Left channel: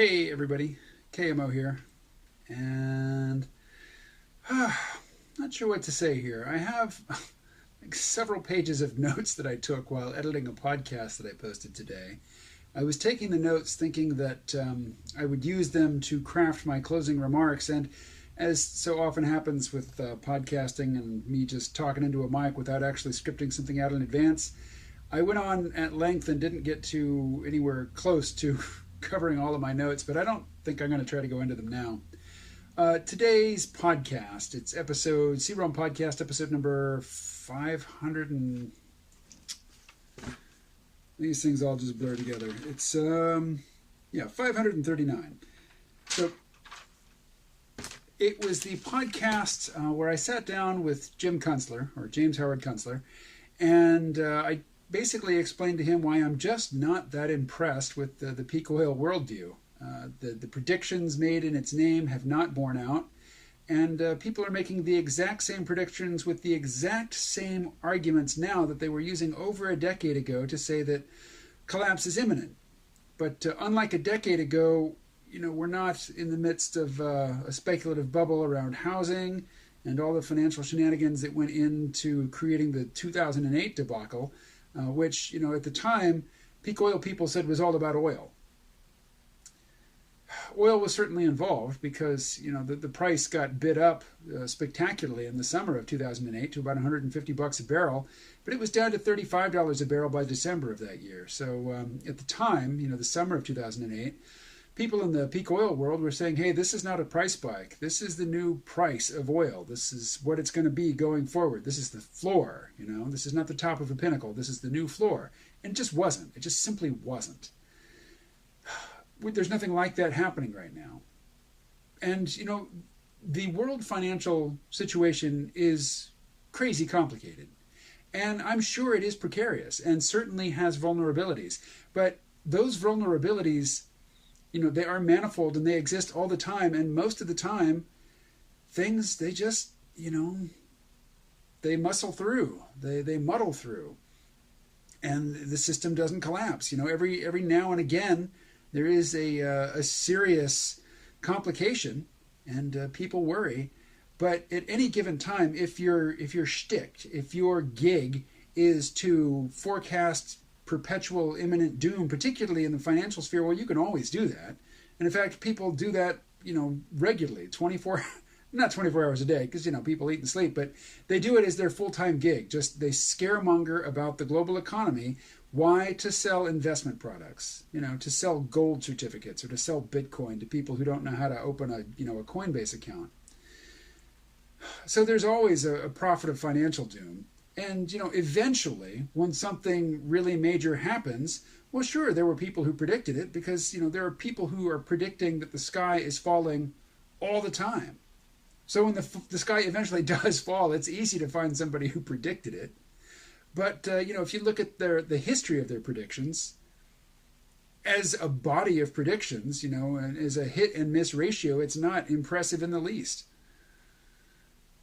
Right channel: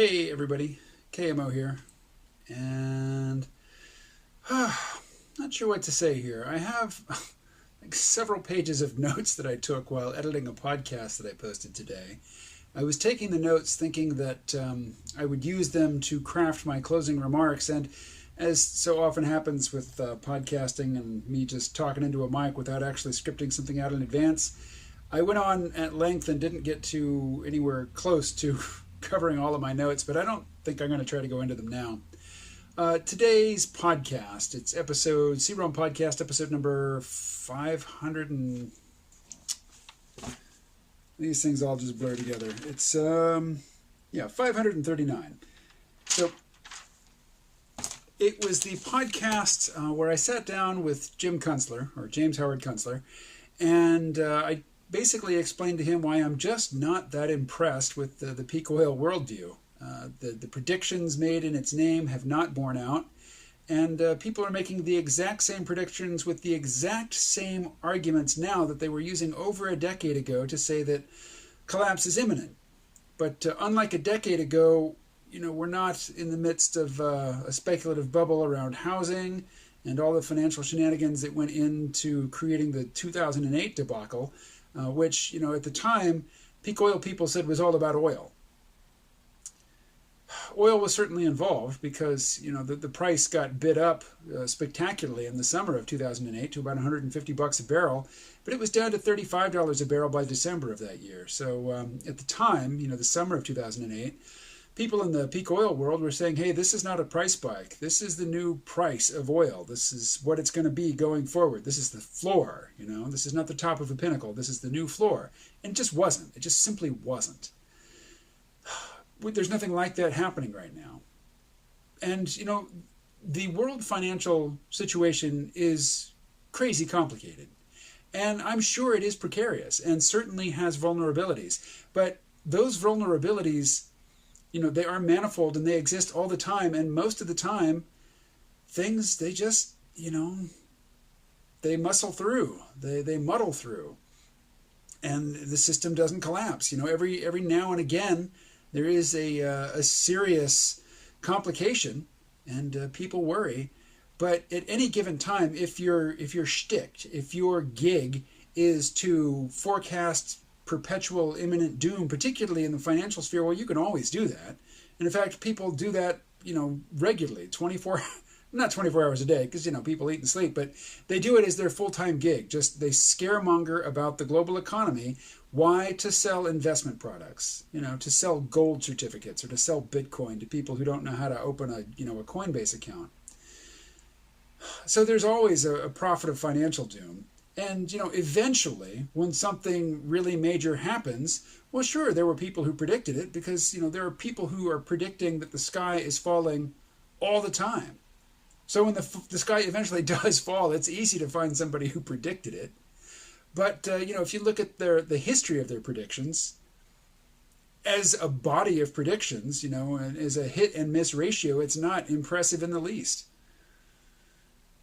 Hey everybody, KMO here, and not sure what to say here. I have like several pages of notes that I took while editing a podcast that I posted today. I was taking the notes thinking that I would use them to craft my closing remarks, and as so often happens with podcasting and me just talking into a mic without actually scripting something out in advance, I went on at length and didn't get to anywhere close to covering all of my notes, but I don't think I'm going to try to go into them now. Today's podcast, it's episode, C-ROM podcast, episode number 500 and... These things all just blur together. It's, 539. So, it was the podcast where I sat down with Jim Kunstler, or James Howard Kunstler, and I basically explained to him why I'm just not that impressed with the peak oil worldview. The predictions made in its name have not borne out, and people are making the exact same predictions with the exact same arguments now that they were using over a decade ago to say that collapse is imminent. But unlike a decade ago, we're not in the midst of a speculative bubble around housing and all the financial shenanigans that went into creating the 2008 debacle, which, at the time, peak oil people said was all about oil. Oil was certainly involved because, the price got bid up spectacularly in the summer of 2008 to about $150 a barrel, but it was down to $35 a barrel by December of that year. So at the time, the summer of 2008, people in the peak oil world were saying, hey, this is not a price spike. This is the new price of oil. This is what it's going to be going forward. This is the floor, This is not the top of the pinnacle. This is the new floor. And it just wasn't. It just simply wasn't. There's nothing like that happening right now. And, the world financial situation is crazy complicated. And I'm sure it is precarious and certainly has vulnerabilities. But those vulnerabilities, they are manifold and they exist all the time. And most of the time, things, they just, they muscle through. They muddle through. And the system doesn't collapse. Every now and again, there is a serious complication and people worry. But at any given time, if your shtick, if your gig is to forecast perpetual imminent doom, particularly in the financial sphere, well, you can always do that. And in fact, people do that, regularly, not 24 hours a day, because, people eat and sleep, but they do it as their full-time gig. Just they scaremonger about the global economy. Why? To sell investment products, to sell gold certificates or to sell Bitcoin to people who don't know how to open a Coinbase account. So there's always a prophet of financial doom. And, eventually, when something really major happens, well, sure, there were people who predicted it because, there are people who are predicting that the sky is falling all the time. So when the sky eventually does fall, it's easy to find somebody who predicted it. But, if you look at the history of their predictions, as a body of predictions, and as a hit and miss ratio, it's not impressive in the least.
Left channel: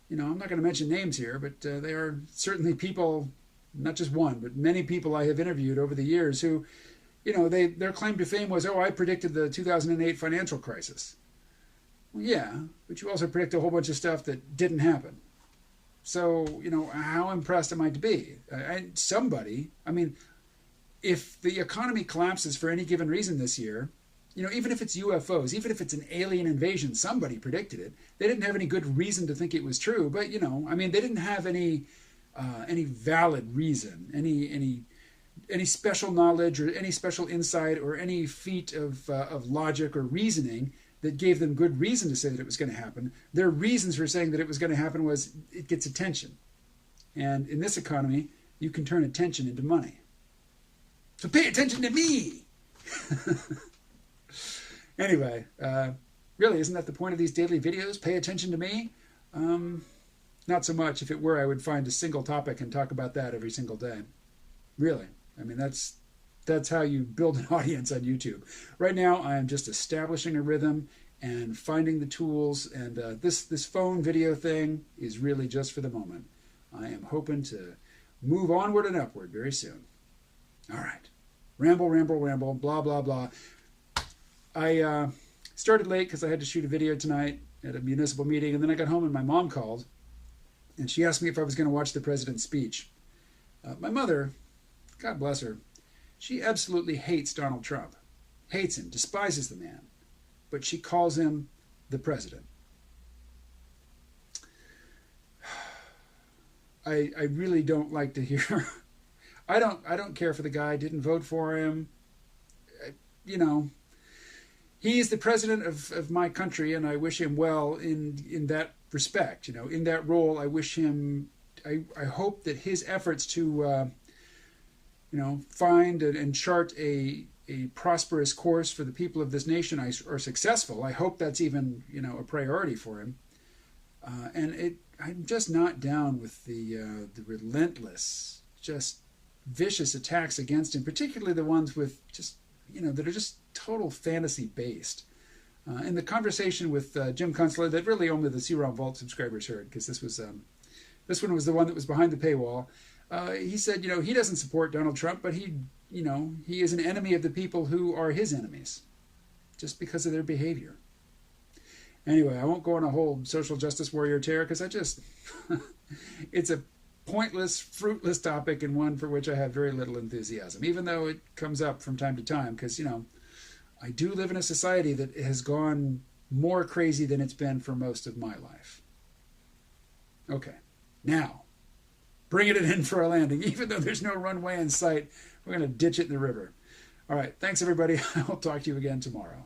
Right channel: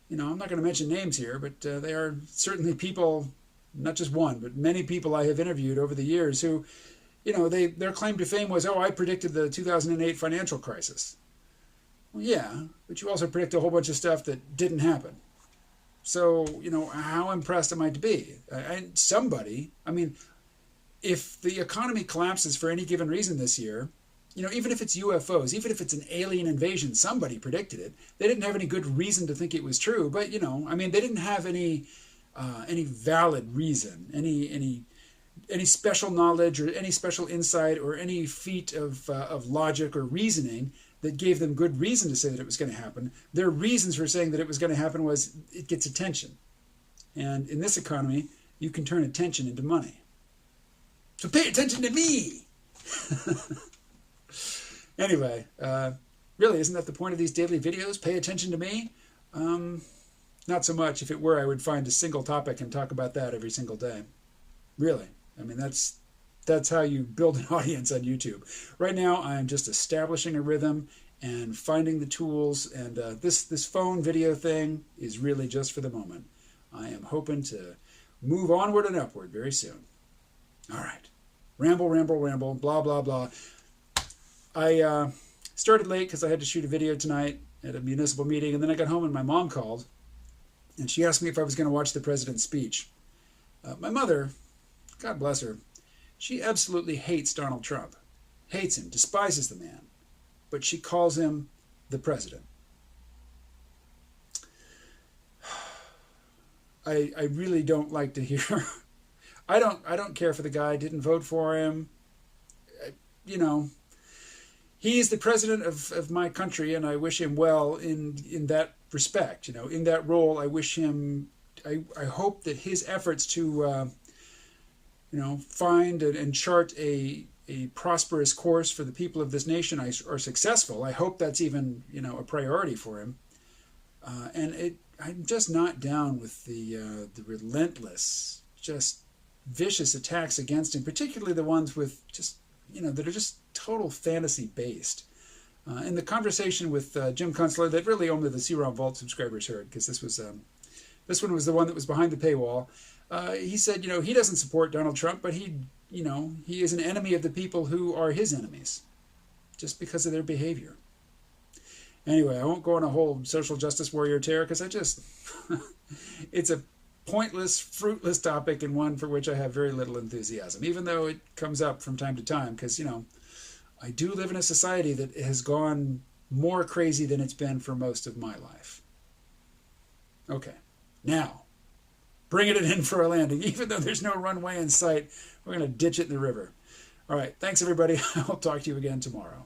I'm not going to mention names here, but they are certainly people, not just one, but many people I have interviewed over the years who, their claim to fame was, I predicted the 2008 financial crisis. Well, yeah, but you also predict a whole bunch of stuff that didn't happen. So, how impressed am I to be? If the economy collapses for any given reason this year, even if it's UFOs, even if it's an alien invasion, somebody predicted it. They didn't have any good reason to think it was true, but they didn't have any valid reason, any special knowledge or any special insight or any feat of logic or reasoning that gave them good reason to say that it was going to happen. Their reasons for saying that it was going to happen was it gets attention. And in this economy, you can turn attention into money. So pay attention to me! Anyway, really, isn't that the point of these daily videos? Pay attention to me? Not so much. If it were, I would find a single topic and talk about that every single day. Really. That's how you build an audience on YouTube. Right now, I am just establishing a rhythm and finding the tools, and this phone video thing is really just for the moment. I am hoping to move onward and upward very soon. All right. Ramble, blah, blah, blah. I started late because I had to shoot a video tonight at a municipal meeting, and then I got home and my mom called, and she asked me if I was going to watch the president's speech. My mother, God bless her, she absolutely hates Donald Trump. Hates him, despises the man. But she calls him the president. I really don't like to hear. I don't care for the guy. I didn't vote for him. You know, he's the president of my country, and I wish him well in that respect. You know, in that role, I wish him. I hope that his efforts to find and chart a prosperous course for the people of this nation are successful. I hope that's even a priority for him. I'm just not down with the relentless, just vicious attacks against him, particularly the ones with just that are just total fantasy based. In the conversation with Jim Kunstler, that really only the C-ROM Vault subscribers heard, because this one was the one that was behind the paywall. He said, he doesn't support Donald Trump, but he is an enemy of the people who are his enemies, just because of their behavior. Anyway, I won't go on a whole social justice warrior tear, because it's a pointless, fruitless topic, and one for which I have very little enthusiasm, even though it comes up from time to time, because, I do live in a society that has gone more crazy than it's been for most of my life. Okay, now, bringing it in for a landing. Even though there's no runway in sight, we're going to ditch it in the river. All right, thanks, everybody. I'll talk to you again tomorrow.